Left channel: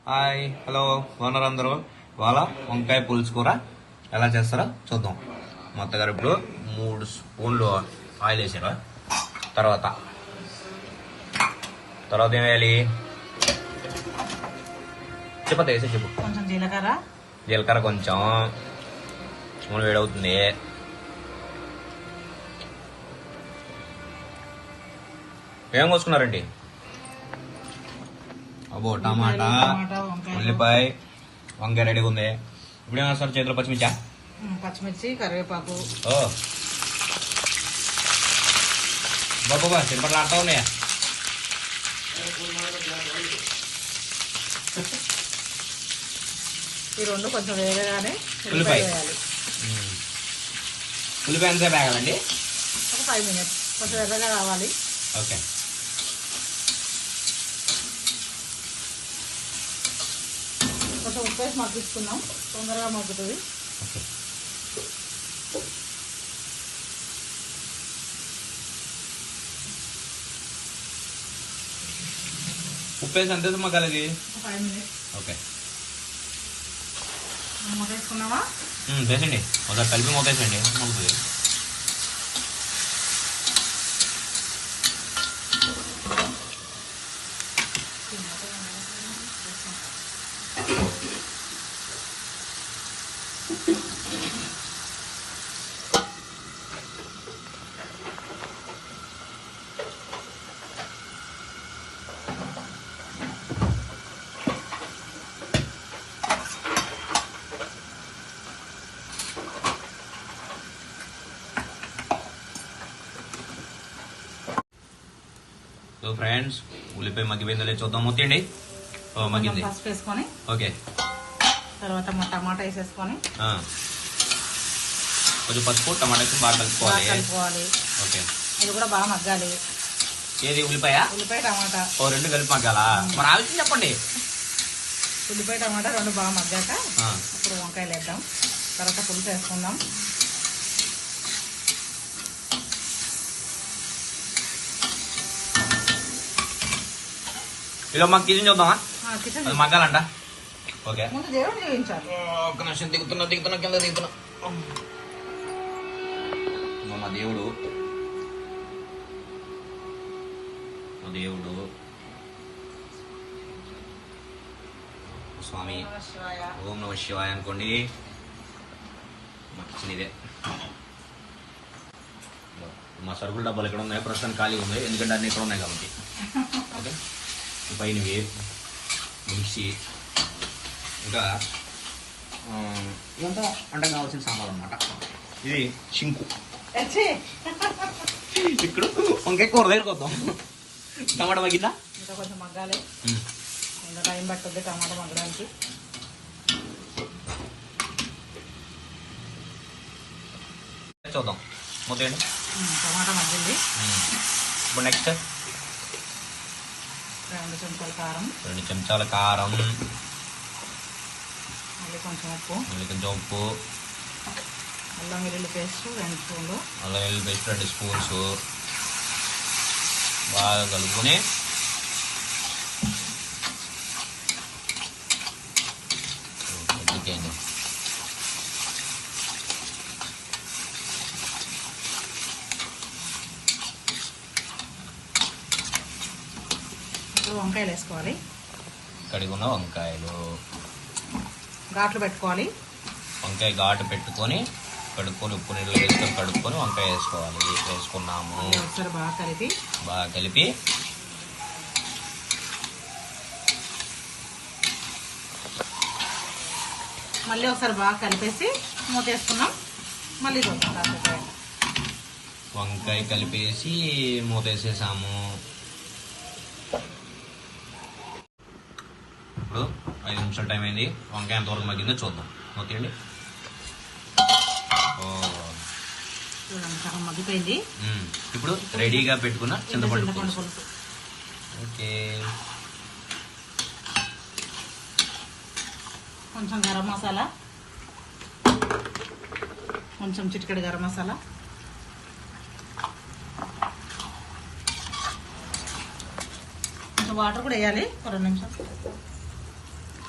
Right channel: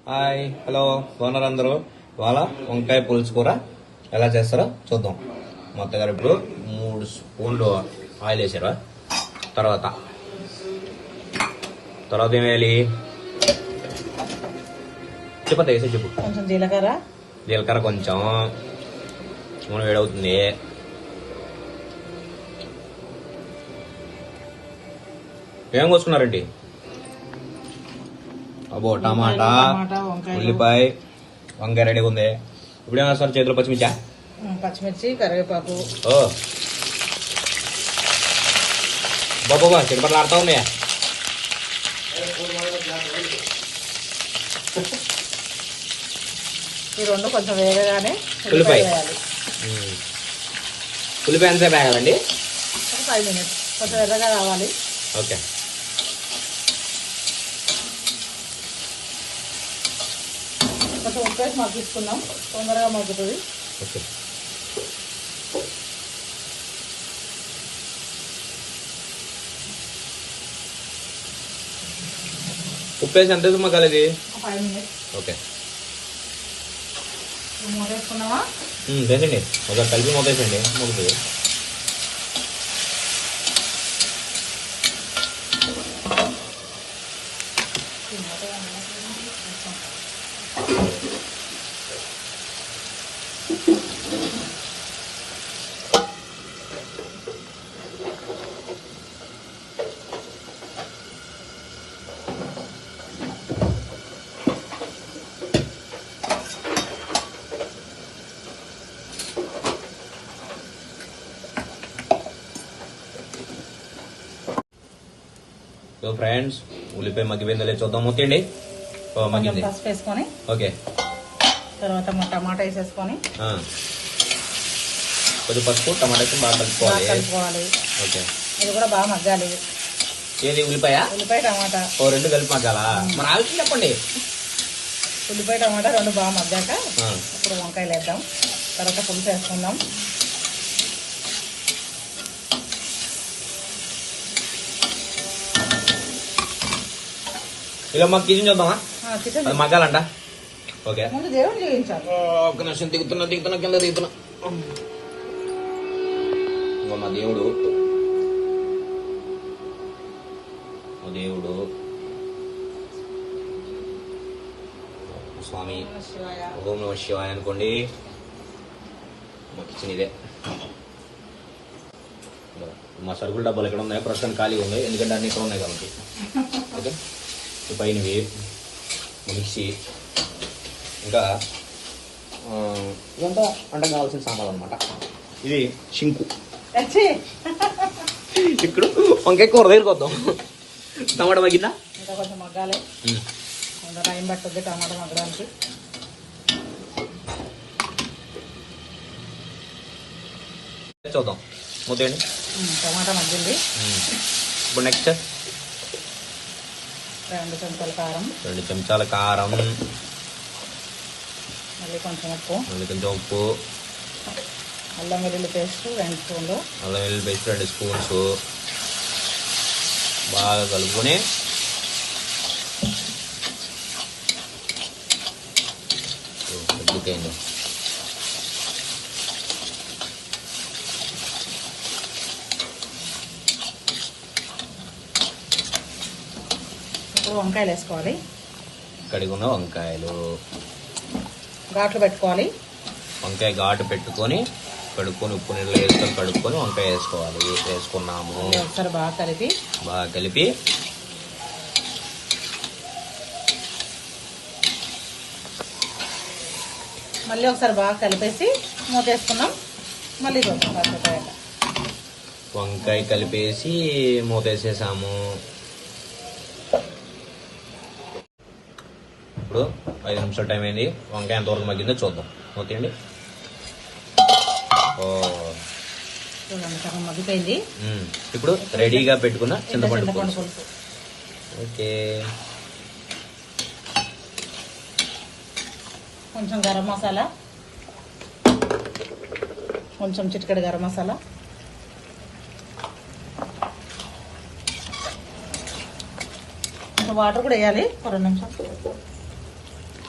Hi hello బాగున్నారు అందరూ. ఇవాళ వంకాయ పులుసు కూర ఎలా చేస్తారో చూద్దాం. మొత్తగారు ఇప్పుడు 3 స్పూన్లు ఆయిల్ వేసారా. తర్వాత ఏం వేయాలి చెప్పండి. కొంచెం జీలకర్ర కొంచెం నూనె వేడవుతుంది. ఏం కోసుకున్నారండి? అబ్బో టమాటా, ఉల్లిపాయ, వంకాయ రెడీగా ఉంది. ఇప్పుడు ఏమన్నా సార్ చేతులు పచ్చిమిర్చి కరివేపాకు. ఓ బాబా చిరుపట్లు ఆడుతూ ఉన్నాయా? ఈ రెండు కొంచెం వేగగానే ఉల్లిపాయ వేయాలి. ఉల్లిపాయ ఎంతసేపు వేయాలండి? ఒక 5 minutes కొంచెం ఎర్రగా రావాలి. ఓకే. కొంచెం ఉప్పు వేసి మగ్గిస్తున్నాం, తొందరగా మగ్గుతుంది. ఓకే. ఉప్పు వేసి ఎంత మగ్గాలి ఇది? 5 minutes. ఓకే మూత వేసుకున్నామా? వేసండి. మొదటి కలిపి మూత వేసండి, మగ్గుతుంది. సో ఫ్రెండ్స్, ఉల్లిపాయ మగ్గిపోయిందో లేదు చూద్దాం. మూతండి. మగ్గింది. పసుపు వేసుకొని ఓకే. తర్వాత టమాటా వేసేసుకొని కొంచెం పసుపు టమాటా వేసి బాగా కలుపుకోవాలి. ఓకే. ఇది కూడా బాగా మగ్గాలి. ఏది ఉల్లిపాయ టమాటా రెండు కలిపి మగ్గాలా? మరి ఆలోచన చెప్పండి. ఉల్లిపాయ టమాటా రెండు బాగా మగ్గాక ఇప్పుడు వంకాయలు వేద్దాం. తర్వాత పులుసు వేసుకుందాం. ఇలా మాకు కిచెన్ చూద్దామా? మగ్గాలంట. ఓకే. ముందు దేవుడు చూపించాలి. ఒక నిమిషం దిగుతున్నా. మా దేవుడు స్వామి ఓం నమః శివాయ అనుకోండి. మా కిచెన్ ఇదే. మా సరుకుల డబ్బాలు ఎక్కడ ఉన్నాయి? ప్రస్తుతం ఖాళీ ఉన్నాయి, ఎందుకంటే అన్ని ఇక్కడ ఉన్నాయి కాబట్టి. ఓకే. పైనవి మిక్సీ, ఇంకా ఇదంతా వంట కావాల్సిన సామాన్లు అనమాట. ఇది సింకు. ఇప్పుడు వంకాయ కూర వేసుకొద్దాం. టమాటా మగ్గిందా? ఇంకా కొంచెం మగ్గాలి. ఇంకా టైం పట్టుద్ది టమాటా మగ్గడానికి. చూద్దాం. టమాటా మగ్గింది. ఇప్పుడు నెక్స్ట్ 2 చెంచాల కారం. 2 చెంచాల కారం. మళ్ళీ కొంచెం ఉప్పు. అల్లం వెల్లుల్లి పేస్ట్ 2 స్పూన్లు. 2 స్పూన్స్ బాగా కలుపుకొని వంకాయలు వేసుకోవాలి. కడిగిన వంకాయలు ఘాట్లు పెట్టుకోవాలి. వంకాయ ఘాటు పెట్టుకొని కడుక్కొని ఉప్పు నీళ్ళు వేసుకొని కడుక్కొని వంకాయ వేసుకోవాలి. వేసుకున్నాము. ఒకసారి బాగా కలిపి మళ్ళీ ఒకసారి బాగా కలిపేసి మూత వేసుకున్నాం. మళ్ళీ వంకాయ కలిపేసి మూత వేసేసాము. ఇప్పుడు 5 నిమిషాల టైం అయింది. వంకాయ ఎంత వరకు మగ్గిందో చూద్దాం. ఓకేండి. మగ్గిపోయింది. ఇప్పుడు రెడీగా పెట్టుకున్న చింతపండు పులుసు. ఓకే. కొంచెం గరం మసాలా, కొంచెం చిటికెడు గరం మసాలా, కొంచెం వాటర్ కూడా వేయాలి. 2 నిమిషాలు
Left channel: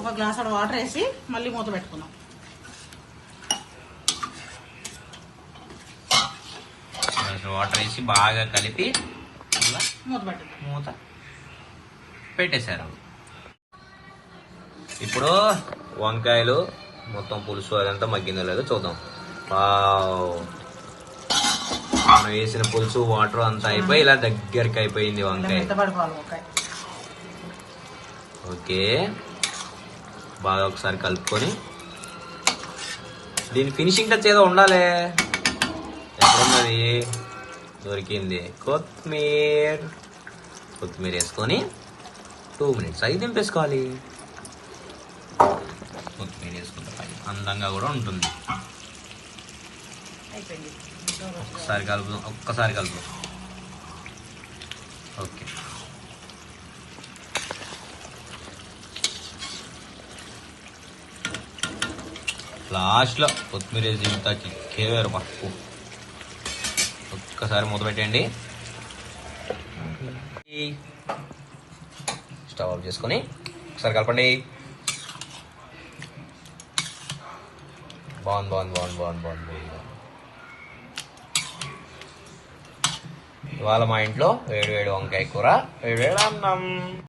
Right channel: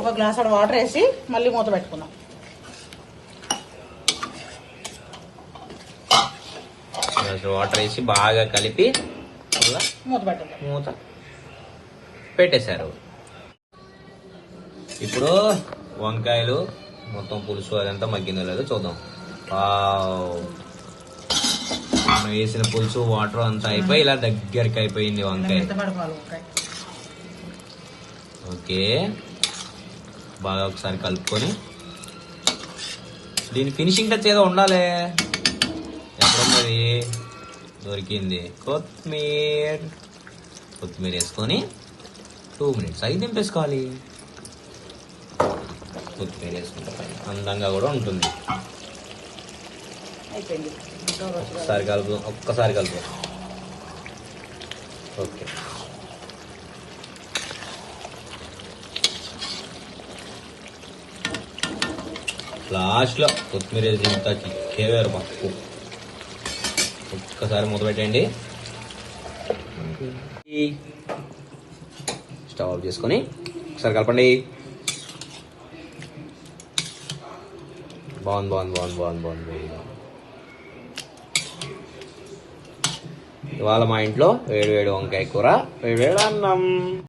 ఒక గ్లాస్ వాటర్ వేసి మళ్ళీ మూత పెట్టుకుందాం. వాటర్ వేసి బాగా కలిపి మూత పెట్టండి. మూత పెట్టేశారు. ఇప్పుడు వంకాయలు మొత్తం పులుసు అదంతా మగ్గిందో లేదో చూద్దాం. మనం వేసిన పులుసు వాటర్ అంతా అయిపోయి ఇలా దగ్గరికి అయిపోయింది వంకాయ. మెత్తబడిపోవాలి వంకాయ. ఓకే, బాగా ఒకసారి కలుపుకొని దీని ఫినిషింగ్ టచ్ ఏదో ఉండాలి. ఎక్కడున్నది? దొరికింది. కొత్తిమీర వేసుకొని 2 minutes అయి దింపేసుకోవాలి. కొత్తిమీర వేసుకుంటాం, అందంగా కూడా ఉంటుంది. అయిపోయింది. ఒక్కసారి కలుపు. ఓకే, లాస్ట్లో కొత్తిమీర వేసి ఇంతకి కేవేరు పప్పు. ఒక్కసారి మూత పెట్టండి. స్టవ్ ఆఫ్ చేసుకొని ఒకసారి కలపండి. బాగుంది. ఇవాళ మా ఇంట్లో వేడి వంకాయ కూర, వేడి అన్నం.